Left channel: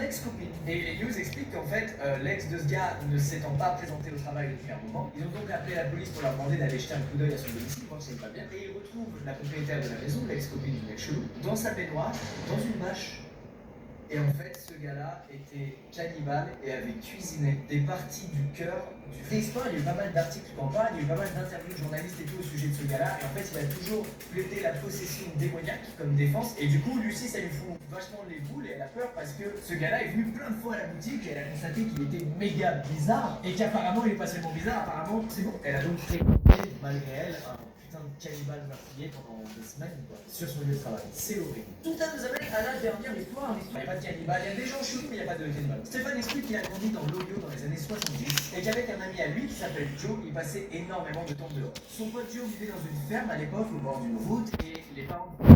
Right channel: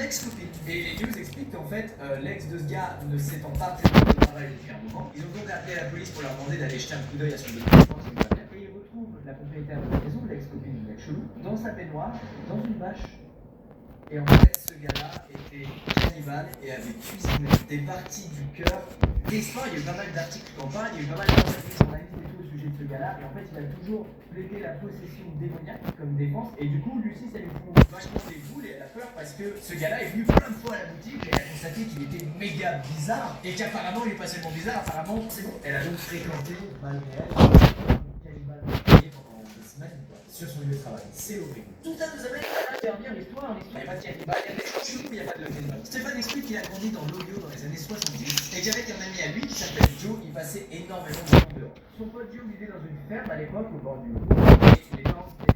Ex-copine. Et les news expliquent qu'en fait, l'ex de ce gars ne s'étant pas présenté au travail depuis un moment, ils ont donc appelé la police pour leur demander d'aller jeter un coup d'œil à son domicile, voir s'il va bien. Et ils retrouvent la propriétaire de la maison, l'ex-copine du mec chelou, dans sa baignoire, dans une bâche. Et en fait, ce gars-là était cannibale et avait cuisiné des parties du cœur. L'histoire, il y a eu pas mal d'articles qui en parlent, il y a eu pas mal d'interviews de journalistes et tout au sujet de ce gars-là. Et en fait, il a toujours plaidé la possession démoniaque comme défense. Et du coup, Lucie, ça lui fout vachement les boules et elle a peur parce que ce gars-là est venu plein de fois à la boutique et elle a constaté qu'il était méga bizarre. Et qu'apparemment, il est pas seulement bizarre, apparemment, c'est bon. Elle a donc fréquenté, malgré elle, un cannibale meurtrier pendant des semaines sur son lieu de travail. C'est horrible. Tout ça nous amène à intervenir les points. Il n'y a pas de cannibale, il y a des gens chelous, mais il n'y a pas de cannibale. Stéphane explique qu'il a grandi dans l'Ohio dans les années 70 et qu'avec un ami à lui qui s'appelle Joe, il passait énormément de temps dehors. Son pote Joe vivait dans une ferme à l'époque au bord d'une route et les parents le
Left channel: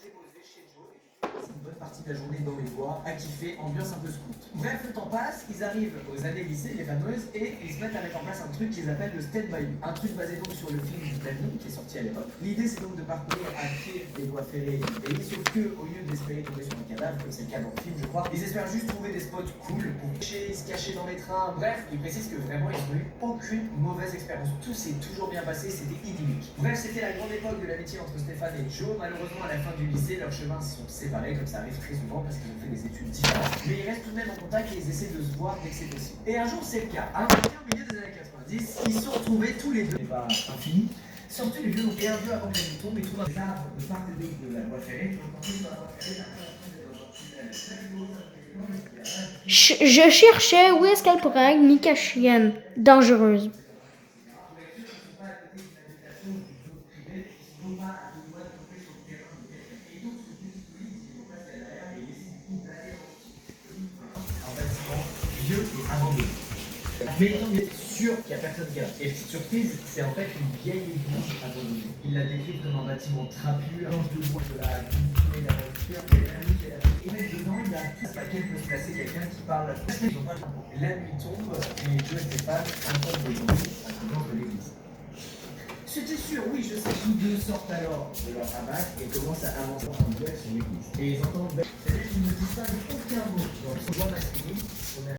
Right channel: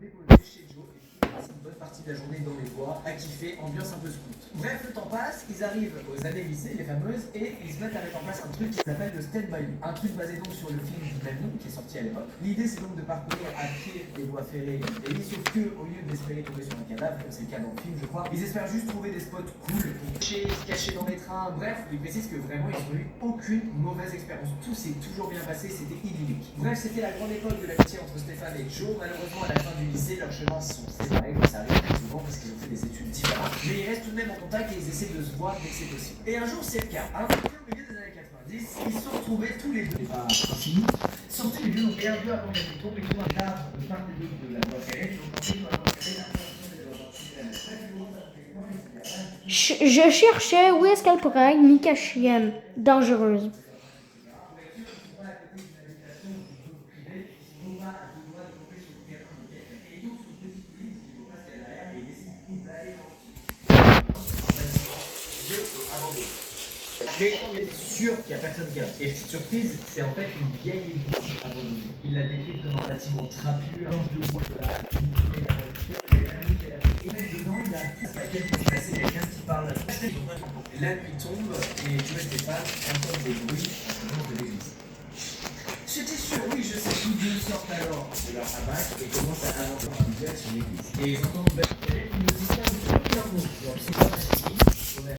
déposaient chez Joe et il passait une bonne partie de la journée dans les bois à kiffer, ambiance un peu scout. Bref, le temps passe, ils arrivent aux années lycée, les fameuses, et ils se mettent à mettre en place un truc qu'ils appellent le Stand By Me. Un truc basé donc sur le film du même nom qui est sorti à l'époque. L'idée c'est donc de parcourir à pied les voies ferrées du pays, sauf que au lieu d'espérer tomber sur un cadavre, comme c'est le cas dans le film je crois, ils espèrent juste trouver des spots cool pour se cacher dans les trains. Bref, ils précisent que vraiment ils n'ont eu aucune mauvaise expérience. Tout s'est toujours bien passé, c'était idyllique. Bref, c'était la grande époque de l'amitié entre Stéphane et Joe. Malheureusement à la fin du lycée, leurs chemins se sont séparés, comme ça arrive très souvent parce qu'ils ont fait des études différentes. Mais ils restent tout de même en contact et ils essaient de se voir dès que c'est possible. Et un jour c'est le cas. Un matin au milieu des années 90, ils se sont retrouvés tous les deux. Et pas infini. Sortis les deux et un peu avant que je tombe et trouve un arbre de part et d'autre de la voie ferrée. Je cherchais où est-ce qu'elle pourrait être Mika-chienne dangereuse. Mais il était sûr qu'il n'y a personne qui a. Et petite surprise, c'est en fait une vieille église abandonnée. Il la décrit comme un bâtiment trapu, un de bois de la culture, la voiture, il y a un lit, et même dedans, il y a un paquet qui s'est passé, quelqu'un qui parle. Et la nuit tombe, et Joe et Stéphane entendent des bruits à ce moment de l'église. J'étais sûr, oui, je sais. Tous deux sortent alors de leur hamac et commencent à inventer un duel sur l'église. Et ils entendent, ils ne disent pas de aucun mot. Donc, c'est pas masculine.